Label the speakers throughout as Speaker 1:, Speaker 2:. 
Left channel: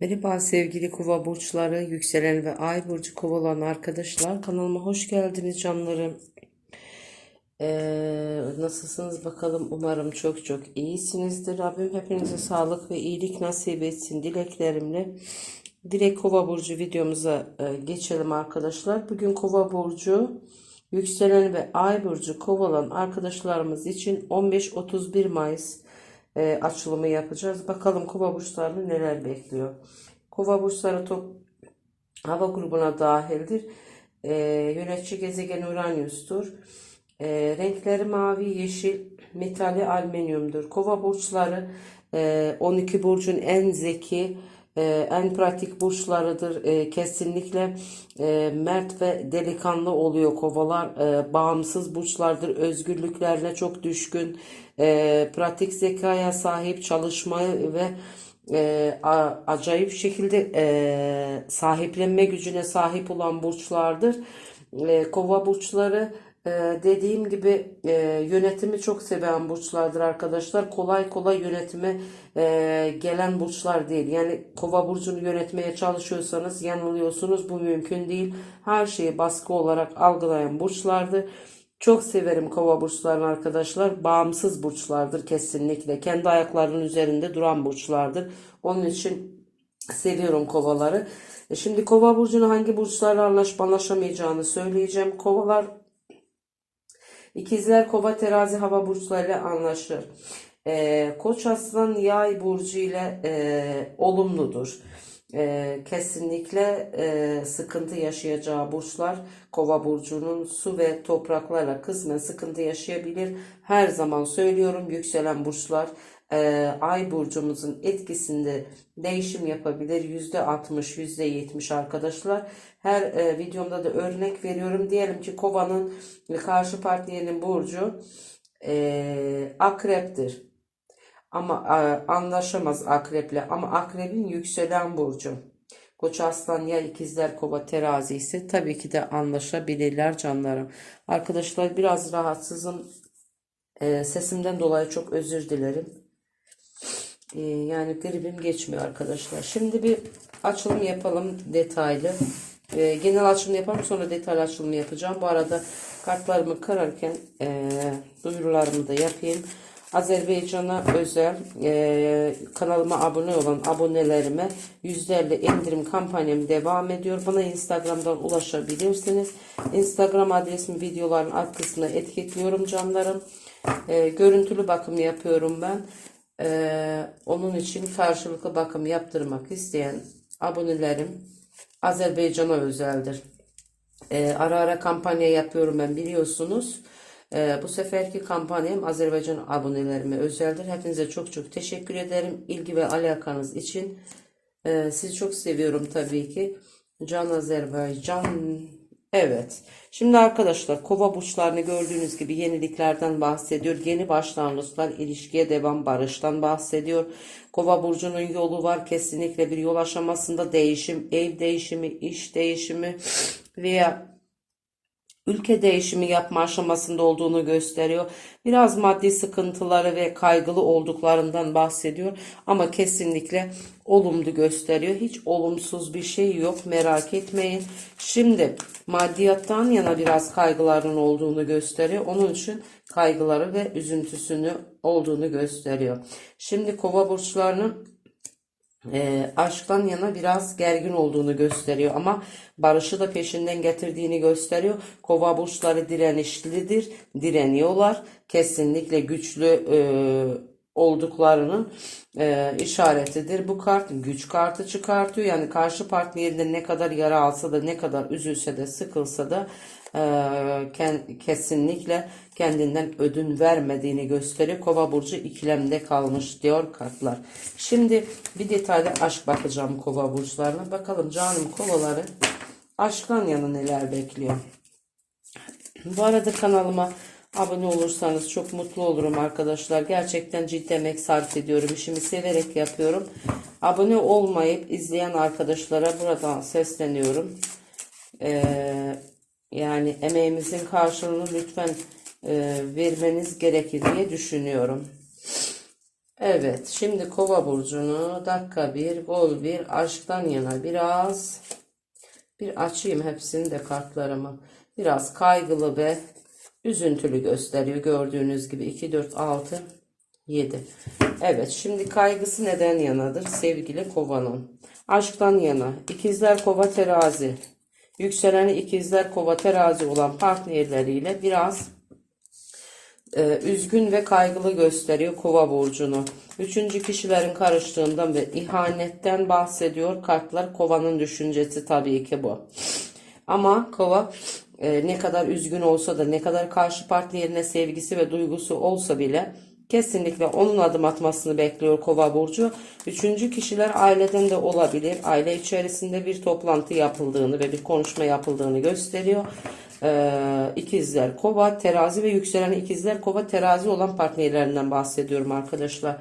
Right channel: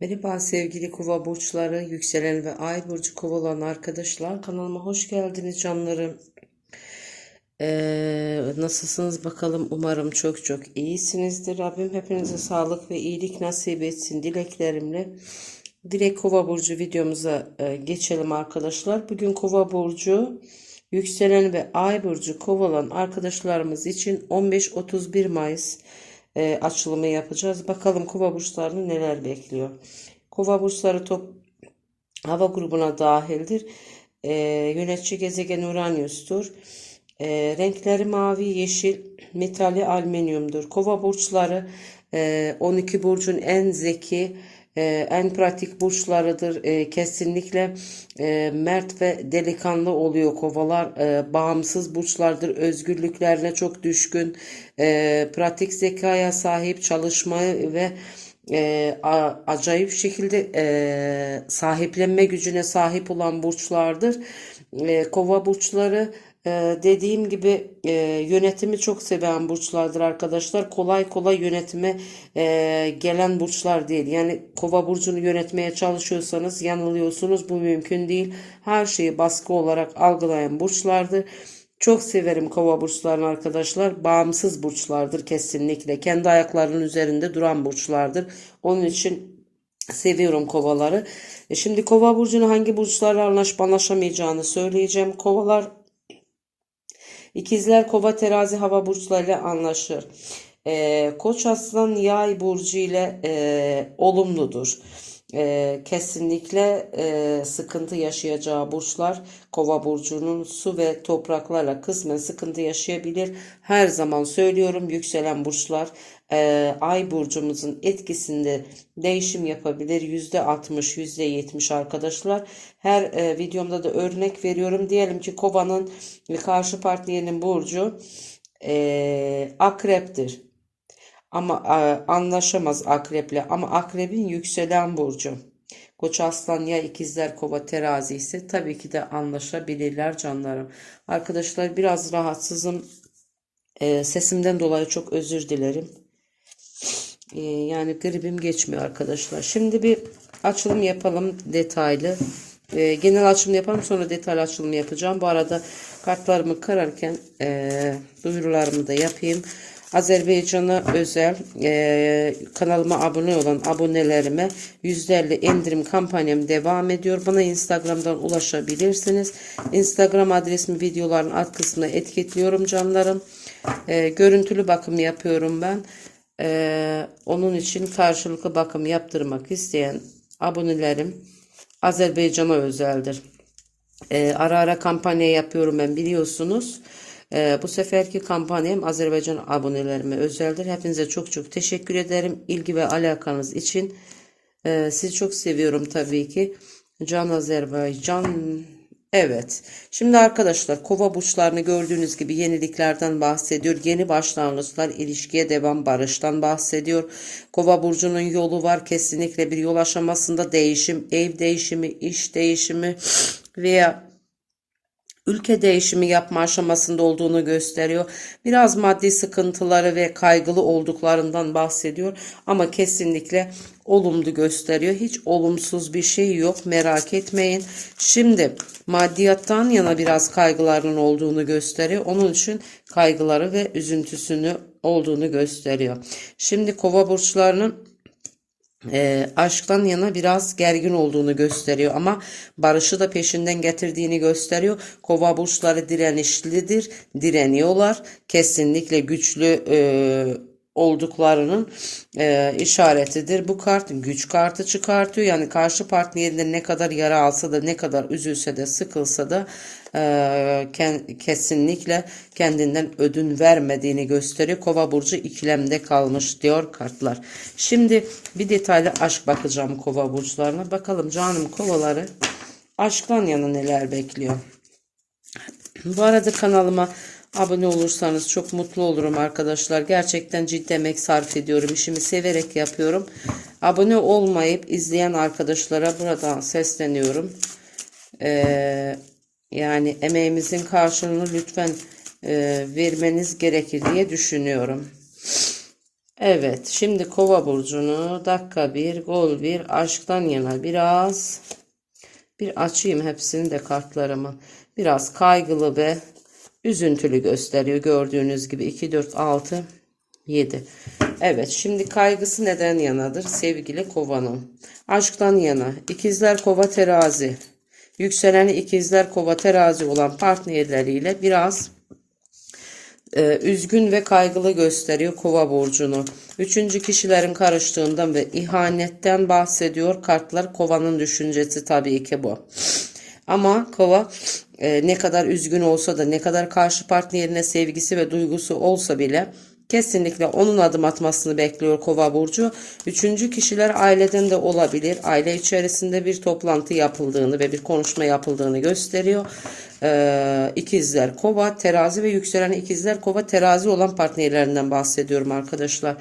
Speaker 1: Merhaba sevgili kova burçları, yükselen ve ay burcu kovalan arkadaşlar. Kanalıma hoş geldiniz canlarım. Ee, nasılsınız bakalım? Umarım çok çok iyisinizdir. Rabbim hepinize sağlık ve iyilik nasip etsin dileklerimle. Direkt kova burcu videomuza e, geçelim arkadaşlar. Bugün kova burcu, yükselen ve ay burcu kovalan arkadaşlarımız için 15-31 Mayıs e, açılımı yapacağız. Bakalım kova burçlarını neler bekliyor. Kova burçları top hava grubuna dahildir. E, yönetici gezegen Uranüs'tur. E, renkleri mavi, yeşil, metali alüminyumdur. Kova burçları e, 12 burcun en zeki, e, en pratik burçlarıdır. E, kesinlikle e, mert ve delikanlı oluyor kovalar. E, bağımsız burçlardır. Özgürlüklerine çok düşkün. E, pratik zekaya sahip çalışmayı ve e, a- acayip şekilde e, sahiplenme gücüne sahip olan burçlardır. E, kova burçları e, dediğim gibi e, yönetimi çok seven burçlardır arkadaşlar. Kolay kolay yönetime e, gelen burçlar değil. Yani kova burcunu yönetmeye çalışıyorsanız yanılıyorsunuz. Bu mümkün değil. Her şeyi baskı olarak algılayan burçlardır. Çok severim kova burçlarını arkadaşlar. Bağımsız burçlardır kesinlikle. Kendi ayaklarının üzerinde duran burçlardır. Onun için seviyorum kovaları. E şimdi kova burcunu hangi burçlarla anlaşıp anlaşamayacağını söyleyeceğim. Kovalar İkizler Kova Terazi Hava burçlarıyla anlaşır. Ee, Koç Aslan Yay burcu ile e, olumludur. Ee, kesinlikle e, sıkıntı yaşayacağı burçlar Kova burcunun su ve topraklarla kısmen sıkıntı yaşayabilir. Her zaman söylüyorum yükselen burçlar e, ay burcumuzun etkisinde değişim yapabilir. %60, %70 arkadaşlar. Her e, videomda da örnek veriyorum. Diyelim ki kovanın karşı partnerinin burcu e, akreptir. Ama e, anlaşamaz akreple. Ama akrebin yükselen burcu. Koç aslan ya ikizler kova terazi ise tabii ki de anlaşabilirler canlarım. Arkadaşlar biraz rahatsızım. E, sesimden dolayı çok özür dilerim. E, yani gribim geçmiyor arkadaşlar. Şimdi bir açılım yapalım detaylı. E, genel açılım yapalım sonra detaylı açılım yapacağım. Bu arada kartlarımı kırarken e, duyurularımı da yapayım. Azerbaycan'a özel e, kanalıma abone olan abonelerime %50 indirim kampanyam devam ediyor. Bana Instagram'dan ulaşabilirsiniz. Instagram adresimi videoların alt kısmına etiketliyorum canlarım. E, görüntülü bakım yapıyorum ben. E, onun için karşılıklı bakım yaptırmak isteyen abonelerim Azerbaycan'a özeldir. E, ara ara kampanya yapıyorum ben biliyorsunuz. E, bu seferki kampanyam Azerbaycan abonelerime özeldir. Hepinize çok çok teşekkür ederim. ilgi ve alakanız için. E, sizi çok seviyorum tabii ki. Can Azerbaycan. Evet. Şimdi arkadaşlar kova burçlarını gördüğünüz gibi yeniliklerden bahsediyor. Yeni başlangıçlar, ilişkiye devam, barıştan bahsediyor. Kova burcunun yolu var. Kesinlikle bir yol aşamasında değişim, ev değişimi, iş değişimi veya ülke değişimi yapma aşamasında olduğunu gösteriyor. Biraz maddi sıkıntıları ve kaygılı olduklarından bahsediyor ama kesinlikle olumlu gösteriyor. Hiç olumsuz bir şey yok merak etmeyin. Şimdi maddiyattan yana biraz kaygılarının olduğunu gösteriyor. Onun için kaygıları ve üzüntüsünü olduğunu gösteriyor. Şimdi kova burçlarının e, aşktan yana biraz gergin olduğunu gösteriyor ama barışı da peşinden getirdiğini gösteriyor. Kova burçları direnişlidir, direniyorlar. Kesinlikle güçlü e, olduklarının e, işaretidir. Bu kart güç kartı çıkartıyor. Yani karşı partnerinde ne kadar yara alsa da ne kadar üzülse de sıkılsa da kesinlikle kendinden ödün vermediğini gösteriyor. Kova burcu ikilemde kalmış diyor kartlar. Şimdi bir detaylı aşk bakacağım kova burçlarına. Bakalım canım kovaları aşktan yana neler bekliyor. Bu arada kanalıma abone olursanız çok mutlu olurum arkadaşlar. Gerçekten ciddi emek sarf ediyorum. İşimi severek yapıyorum. Abone olmayıp izleyen arkadaşlara buradan sesleniyorum. Ee, yani emeğimizin karşılığını lütfen e, vermeniz gerekir diye düşünüyorum. Evet, şimdi Kova burcunu dakika bir, gol bir, aşktan yana biraz bir açayım hepsini de kartlarımı. Biraz kaygılı ve üzüntülü gösteriyor. Gördüğünüz gibi 2, 4, 6, 7. Evet, şimdi kaygısı neden yanadır? Sevgili kovanın. Aşktan yana. İkizler kova terazi. Yükseleni ikizler kova terazi olan partnerleriyle biraz e, üzgün ve kaygılı gösteriyor kova burcunu. Üçüncü kişilerin karıştığından ve ihanetten bahsediyor. Kartlar kovanın düşüncesi tabii ki bu. Ama kova e, ne kadar üzgün olsa da ne kadar karşı partnerine sevgisi ve duygusu olsa bile kesinlikle onun adım atmasını bekliyor kova burcu. Üçüncü kişiler aileden de olabilir. Aile içerisinde bir toplantı yapıldığını ve bir konuşma yapıldığını gösteriyor. Ee, ikizler kova terazi ve yükselen ikizler kova terazi olan partnerlerinden bahsediyorum arkadaşlar.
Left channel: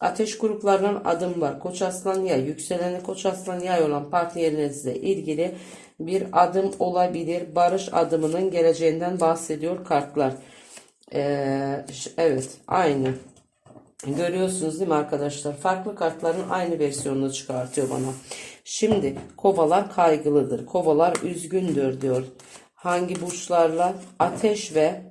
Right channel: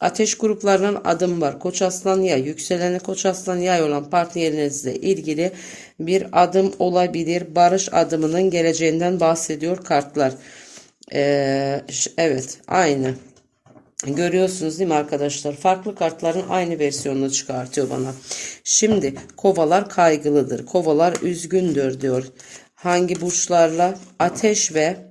Speaker 1: Ateş gruplarının adım var. Koç aslan yay, yükseleni koç aslan yay olan partnerinizle ilgili bir adım olabilir. Barış adımının geleceğinden bahsediyor kartlar. Ee, evet aynı. Görüyorsunuz değil mi arkadaşlar? Farklı kartların aynı versiyonunu çıkartıyor bana. Şimdi kovalar kaygılıdır. Kovalar üzgündür diyor. Hangi burçlarla? Ateş ve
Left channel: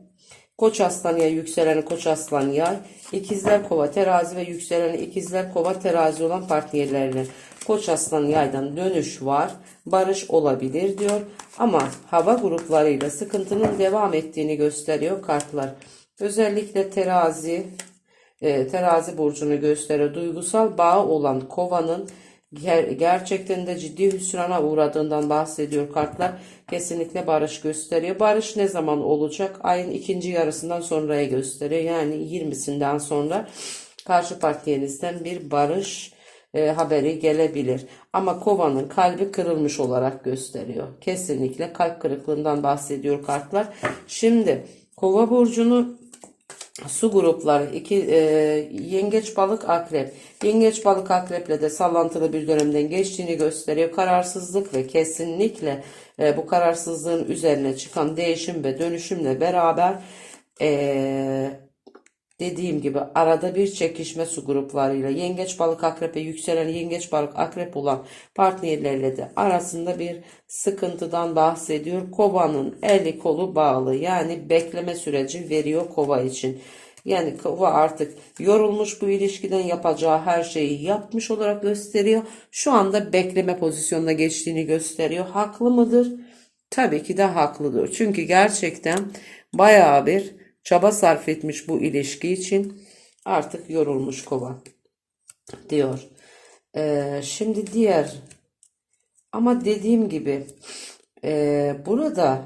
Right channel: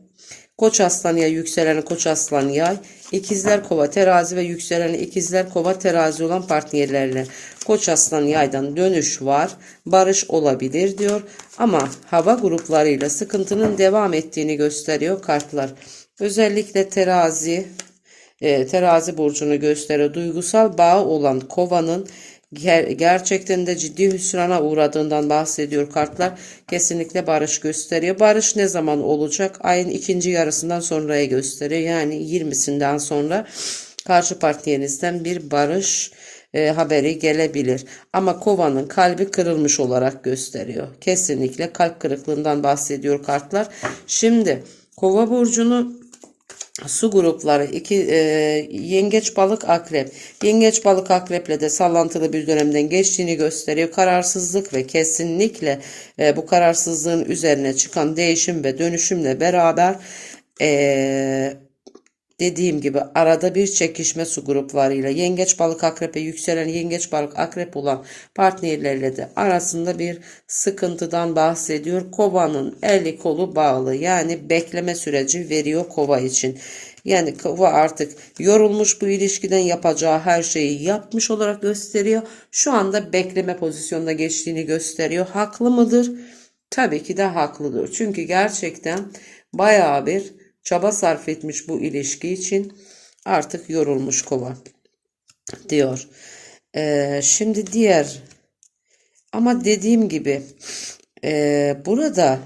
Speaker 1: Koç aslan yay yükseleni koç aslan yay. İkizler kova terazi ve yükseleni ikizler kova terazi olan partnerlerle. Koç aslan yaydan dönüş var. Barış olabilir diyor. Ama hava gruplarıyla sıkıntının devam ettiğini gösteriyor kartlar. Özellikle terazi, e, terazi burcunu gösteriyor. Duygusal bağı olan kovanın ger- gerçekten de ciddi hüsrana uğradığından bahsediyor kartlar. Kesinlikle barış gösteriyor. Barış ne zaman olacak? Ayın ikinci yarısından sonraya gösteriyor. Yani 20'sinden sonra karşı partnerinizden bir barış e, haberi gelebilir. Ama kovanın kalbi kırılmış olarak gösteriyor. Kesinlikle kalp kırıklığından bahsediyor kartlar. Şimdi kova burcunu Su grupları iki e, yengeç balık akrep. Yengeç balık akreple de sallantılı bir dönemden geçtiğini gösteriyor. Kararsızlık ve kesinlikle e, bu kararsızlığın üzerine çıkan değişim ve dönüşümle beraber e, dediğim gibi arada bir çekişme su gruplarıyla yengeç balık akrepe yükselen yengeç balık akrep olan partnerlerle de arasında bir sıkıntıdan bahsediyor. Kovanın eli kolu bağlı yani bekleme süreci veriyor kova için. Yani kova artık yorulmuş bu ilişkiden yapacağı her şeyi yapmış olarak gösteriyor. Şu anda bekleme pozisyonuna geçtiğini gösteriyor. Haklı mıdır? Tabii ki de haklıdır. Çünkü gerçekten bayağı bir çaba sarf etmiş bu ilişki için artık yorulmuş kova diyor. Ee, şimdi diğer ama dediğim gibi e, burada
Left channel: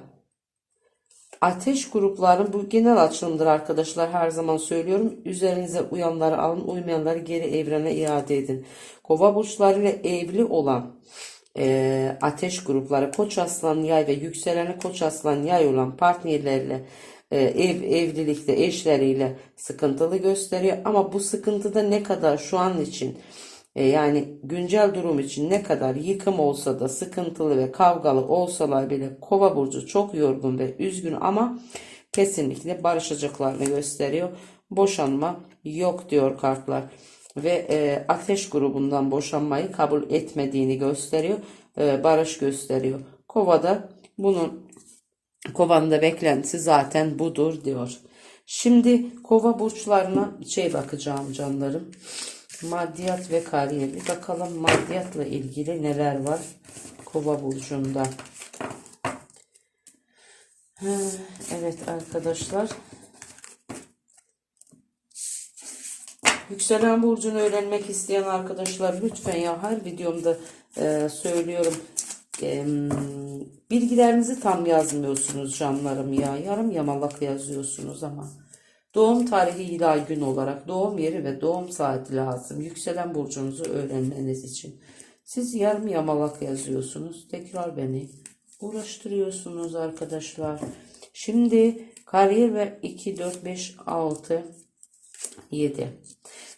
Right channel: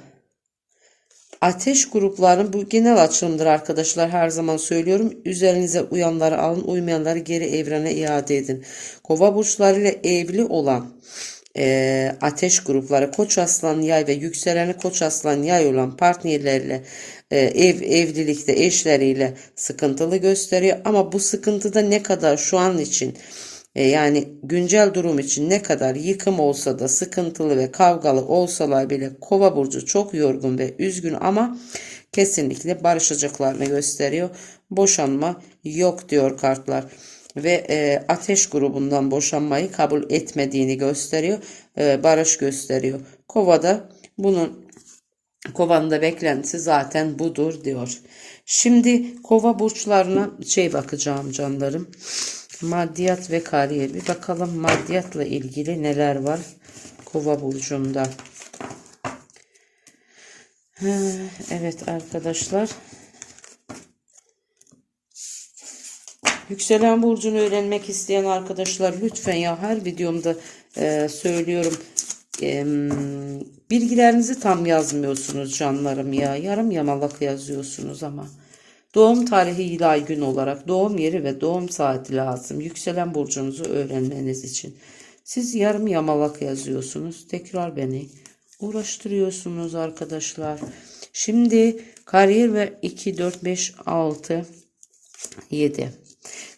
Speaker 1: ateş gruplarının bu genel açılımdır arkadaşlar her zaman söylüyorum. Üzerinize uyanları alın uymayanları geri evrene iade edin. Kova burçlarıyla evli olan e, ateş grupları koç aslan yay ve yükseleni koç aslan yay olan partnerlerle ev evlilikte eşleriyle sıkıntılı gösteriyor ama bu sıkıntıda ne kadar şu an için e, yani güncel durum için ne kadar yıkım olsa da sıkıntılı ve kavgalı olsalar bile kova burcu çok yorgun ve üzgün ama kesinlikle barışacaklarını gösteriyor. Boşanma yok diyor kartlar ve e, ateş grubundan boşanmayı kabul etmediğini gösteriyor. E, barış gösteriyor. Kovada bunun kovanın beklentisi zaten budur diyor. Şimdi kova burçlarına şey bakacağım canlarım. Maddiyat ve kariyer. Bir bakalım maddiyatla ilgili neler var kova burcunda. Evet arkadaşlar. Yükselen burcunu öğrenmek isteyen arkadaşlar lütfen ya her videomda e, söylüyorum. Bilgilerinizi tam yazmıyorsunuz canlarım ya. Yarım yamalak yazıyorsunuz ama. Doğum tarihi ilay gün olarak doğum yeri ve doğum saati lazım. Yükselen burcunuzu öğrenmeniz için. Siz yarım yamalak yazıyorsunuz. Tekrar beni uğraştırıyorsunuz arkadaşlar. Şimdi kariyer ve 2, 4, 5, 6, 7.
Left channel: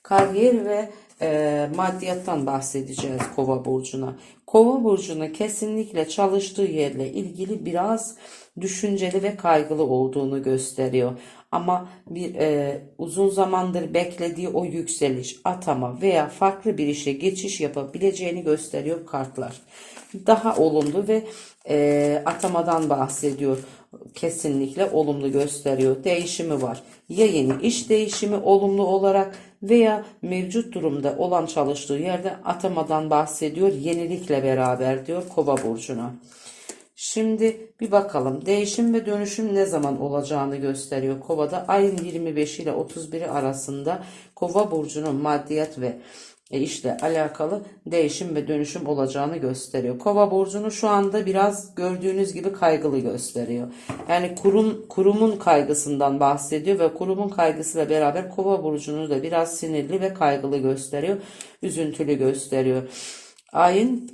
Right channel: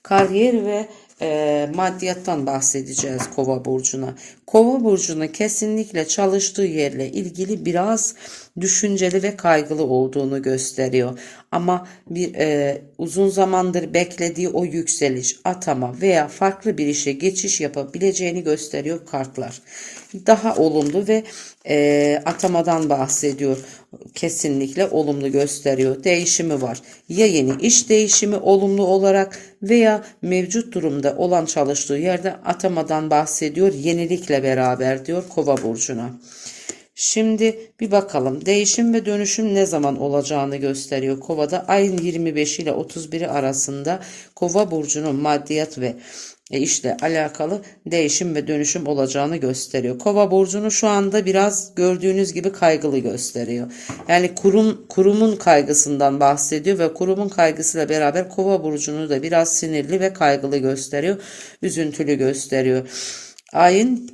Speaker 1: Kariyer ve e, maddiyattan bahsedeceğiz Kova burcuna. Kova burcuna kesinlikle çalıştığı yerle ilgili biraz düşünceli ve kaygılı olduğunu gösteriyor. Ama bir e, uzun zamandır beklediği o yükseliş, atama veya farklı bir işe geçiş yapabileceğini gösteriyor kartlar. Daha olumlu ve e, atamadan bahsediyor. Kesinlikle olumlu gösteriyor. Değişimi var. Ya yeni iş değişimi olumlu olarak veya mevcut durumda olan çalıştığı yerde atamadan bahsediyor. Yenilikle beraber diyor Kova burcuna. Şimdi bir bakalım değişim ve dönüşüm ne zaman olacağını gösteriyor. Kova'da ayın 25 ile 31'i arasında Kova burcunun maddiyat ve e, işle alakalı değişim ve dönüşüm olacağını gösteriyor. Kova burcunu şu anda biraz gördüğünüz gibi kaygılı gösteriyor. Yani kurum kurumun kaygısından bahsediyor ve kurumun kaygısıyla beraber Kova burcunu da biraz sinirli ve kaygılı gösteriyor. Üzüntülü gösteriyor. Ayın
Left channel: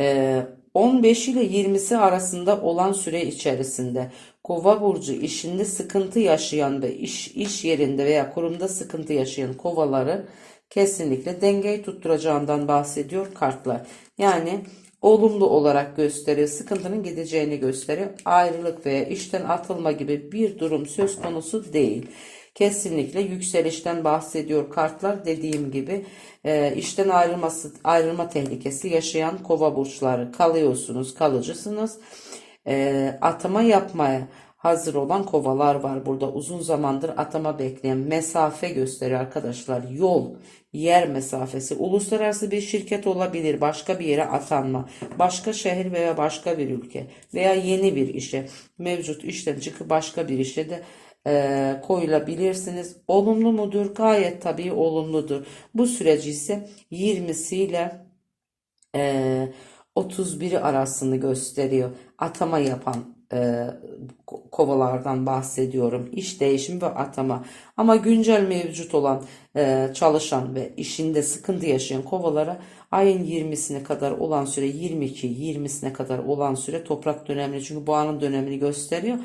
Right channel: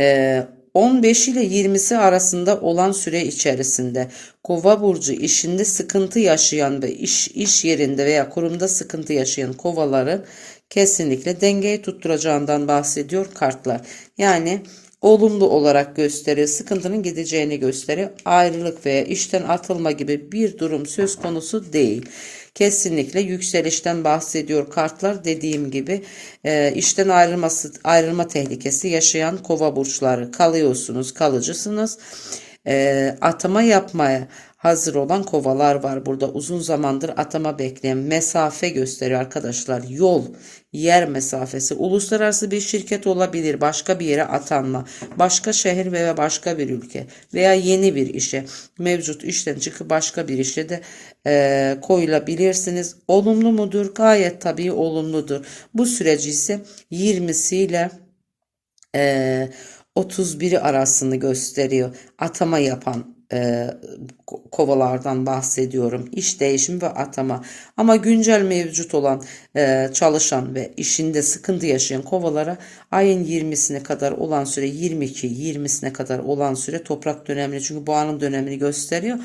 Speaker 1: e, 15 ile 20'si arasında olan süre içerisinde Kova burcu işinde sıkıntı yaşayan ve iş iş yerinde veya kurumda sıkıntı yaşayan kovaları kesinlikle dengeyi tutturacağından bahsediyor kartlar. Yani olumlu olarak gösteriyor. Sıkıntının gideceğini gösteriyor. Ayrılık veya işten atılma gibi bir durum söz konusu değil. Kesinlikle yükselişten bahsediyor kartlar. Dediğim gibi e, işten ayrılması ayrılma tehlikesi yaşayan kova burçları kalıyorsunuz, kalıcısınız. E, atama yapmaya hazır olan kovalar var burada. Uzun zamandır atama bekleyen mesafe gösteriyor arkadaşlar. Yol, yer mesafesi. Uluslararası bir şirket olabilir. Başka bir yere atanma. Başka şehir veya başka bir ülke. Veya yeni bir işe. Mevcut işten çıkıp başka bir işe de e, koyulabilirsiniz. Olumlu mudur? Gayet tabii olumludur. Bu süreci ise 20'siyle e, 31'i arasını gösteriyor. Atama yapan e, kovalardan bahsediyorum. İş değişimi ve atama. Ama güncel mevcut olan e, çalışan ve işinde sıkıntı yaşayan kovalara ayın 20'sine kadar olan süre 22 20'sine kadar olan süre toprak dönemli. Çünkü boğanın dönemini gösteriyor.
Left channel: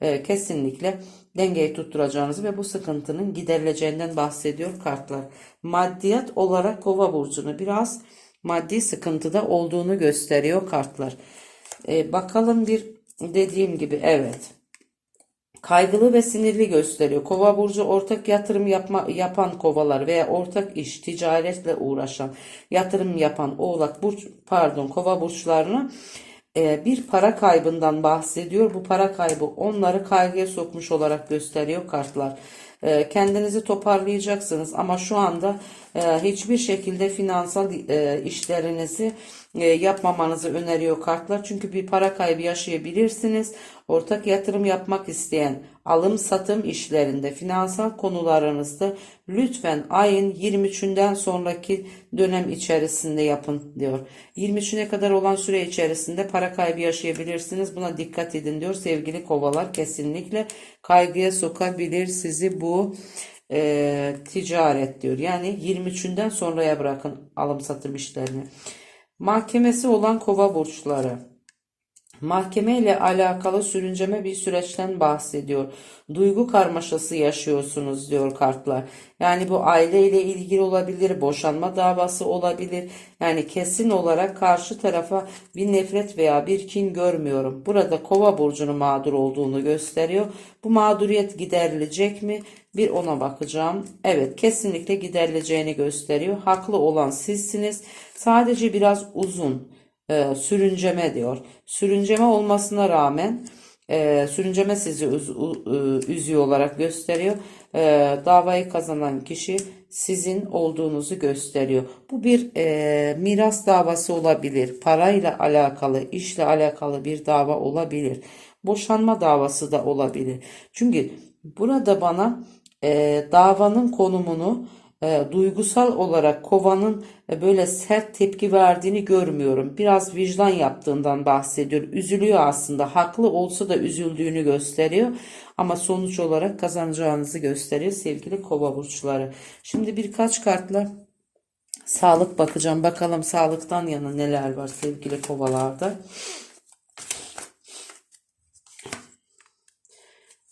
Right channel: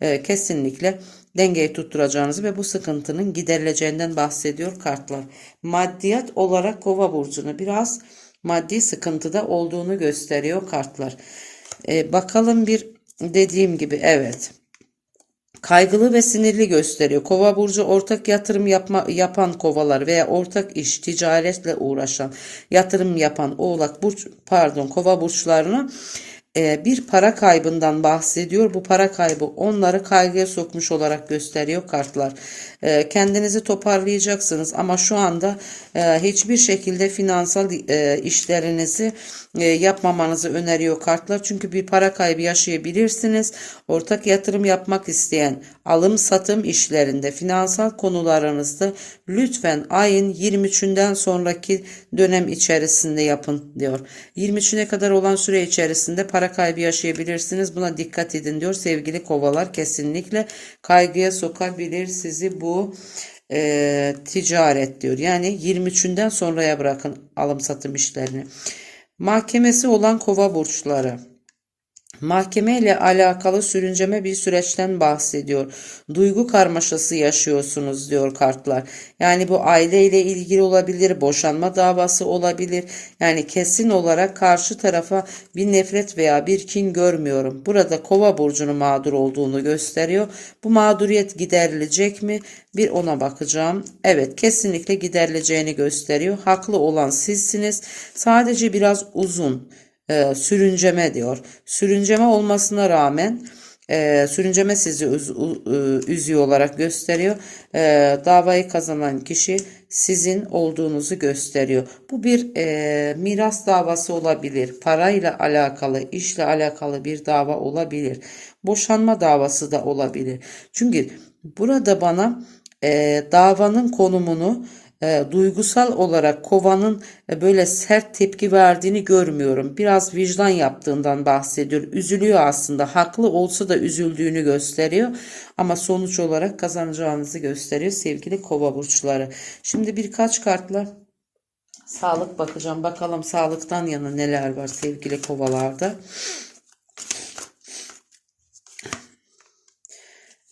Speaker 1: E, kesinlikle dengeyi tutturacağınızı ve bu sıkıntının giderileceğinden bahsediyor kartlar. Maddiyat olarak kova burcunu biraz maddi sıkıntıda olduğunu gösteriyor kartlar. E, bakalım bir dediğim gibi evet. Kaygılı ve sinirli gösteriyor. Kova burcu ortak yatırım yapma, yapan kovalar veya ortak iş, ticaretle uğraşan, yatırım yapan oğlak burç pardon kova burçlarına bir para kaybından bahsediyor. Bu para kaybı onları kaygıya sokmuş olarak gösteriyor kartlar. E, kendinizi toparlayacaksınız ama şu anda e, hiçbir şekilde finansal işlerinizi yapmamanızı öneriyor kartlar. Çünkü bir para kaybı yaşayabilirsiniz. Ortak yatırım yapmak isteyen alım satım işlerinde finansal konularınızda lütfen ayın 23'ünden sonraki dönem içerisinde yapın diyor. 23'üne kadar olan süre içerisinde para kaybı yaşayabilirsiniz. Buna dikkat edin diyor sevgili kovalar. Kesinlikle kaygıya sokabilir sizi bu e, ticaret diyor. Yani 23'ünden sonraya bırakın alım satım işlerini. Mahkemesi olan kova burçları. Mahkeme ile alakalı sürünceme bir süreçten bahsediyor. Duygu karmaşası yaşıyorsunuz diyor kartlar. Yani bu aile ile ilgili olabilir, boşanma davası olabilir. Yani kesin olarak karşı tarafa bir nefret veya bir kin görmüyorum. Burada kova burcunun mağdur olduğunu gösteriyor. Bu mağduriyet giderilecek mi? Bir ona bakacağım. Evet kesinlikle giderileceğini gösteriyor. Haklı olan sizsiniz. Sadece biraz uzun e, sürünceme diyor. Sürünceme olmasına rağmen e, sürünceme sizi üz, e, üzüyor olarak gösteriyor. E, davayı kazanan kişi sizin olduğunuzu gösteriyor. Bu bir e, miras davası olabilir. Parayla alakalı, işle alakalı bir dava olabilir. Boşanma davası da olabilir. Çünkü burada bana e, davanın konumunu e, duygusal olarak kovanın e, böyle sert tepki verdiğini görmüyorum. Biraz vicdan yaptığından bahsediyor. Üzülüyor aslında. Haklı olsa da üzüldüğünü gösteriyor. Ama sonuç olarak kazanacağınızı gösteriyor sevgili kova burçları. Şimdi birkaç kartla sağlık bakacağım. Bakalım sağlıktan yana neler var sevgili kovalarda.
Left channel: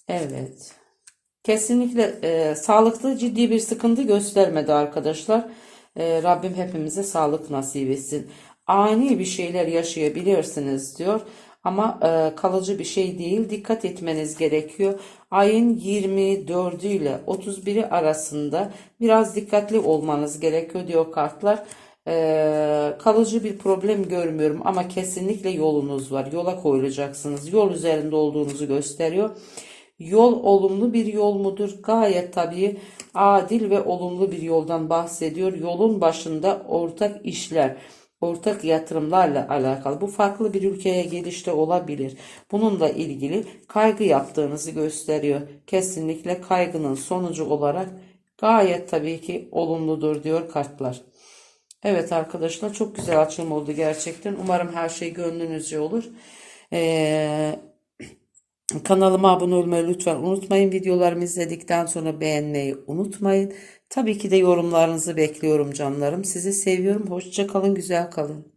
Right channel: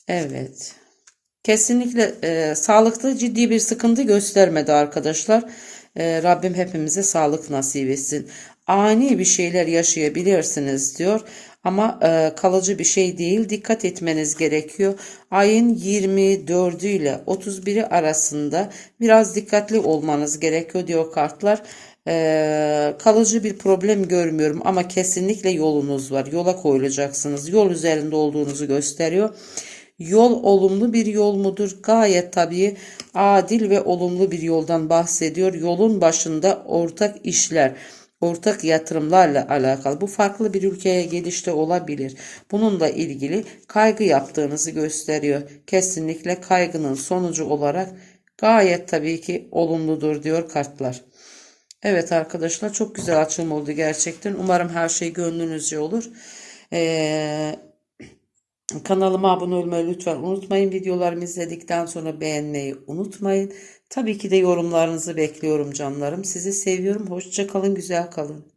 Speaker 1: Evet. Kesinlikle e, sağlıkta ciddi bir sıkıntı göstermedi arkadaşlar. E, Rabbim hepimize sağlık nasip etsin. Ani bir şeyler yaşayabilirsiniz diyor. Ama e, kalıcı bir şey değil. Dikkat etmeniz gerekiyor. Ayın 24'ü ile 31'i arasında biraz dikkatli olmanız gerekiyor diyor kartlar. E, kalıcı bir problem görmüyorum ama kesinlikle yolunuz var. Yola koyulacaksınız. Yol üzerinde olduğunuzu gösteriyor. Yol olumlu bir yol mudur? Gayet tabii adil ve olumlu bir yoldan bahsediyor. Yolun başında ortak işler, ortak yatırımlarla alakalı. Bu farklı bir ülkeye gelişte olabilir. Bununla ilgili kaygı yaptığınızı gösteriyor. Kesinlikle kaygının sonucu olarak gayet tabii ki olumludur diyor kartlar. Evet arkadaşlar çok güzel açılım oldu gerçekten. Umarım her şey gönlünüzce olur. Ee, Kanalıma abone olmayı lütfen unutmayın. Videolarımı izledikten sonra beğenmeyi unutmayın. Tabii ki de yorumlarınızı bekliyorum canlarım. Sizi seviyorum. Hoşça kalın, güzel kalın.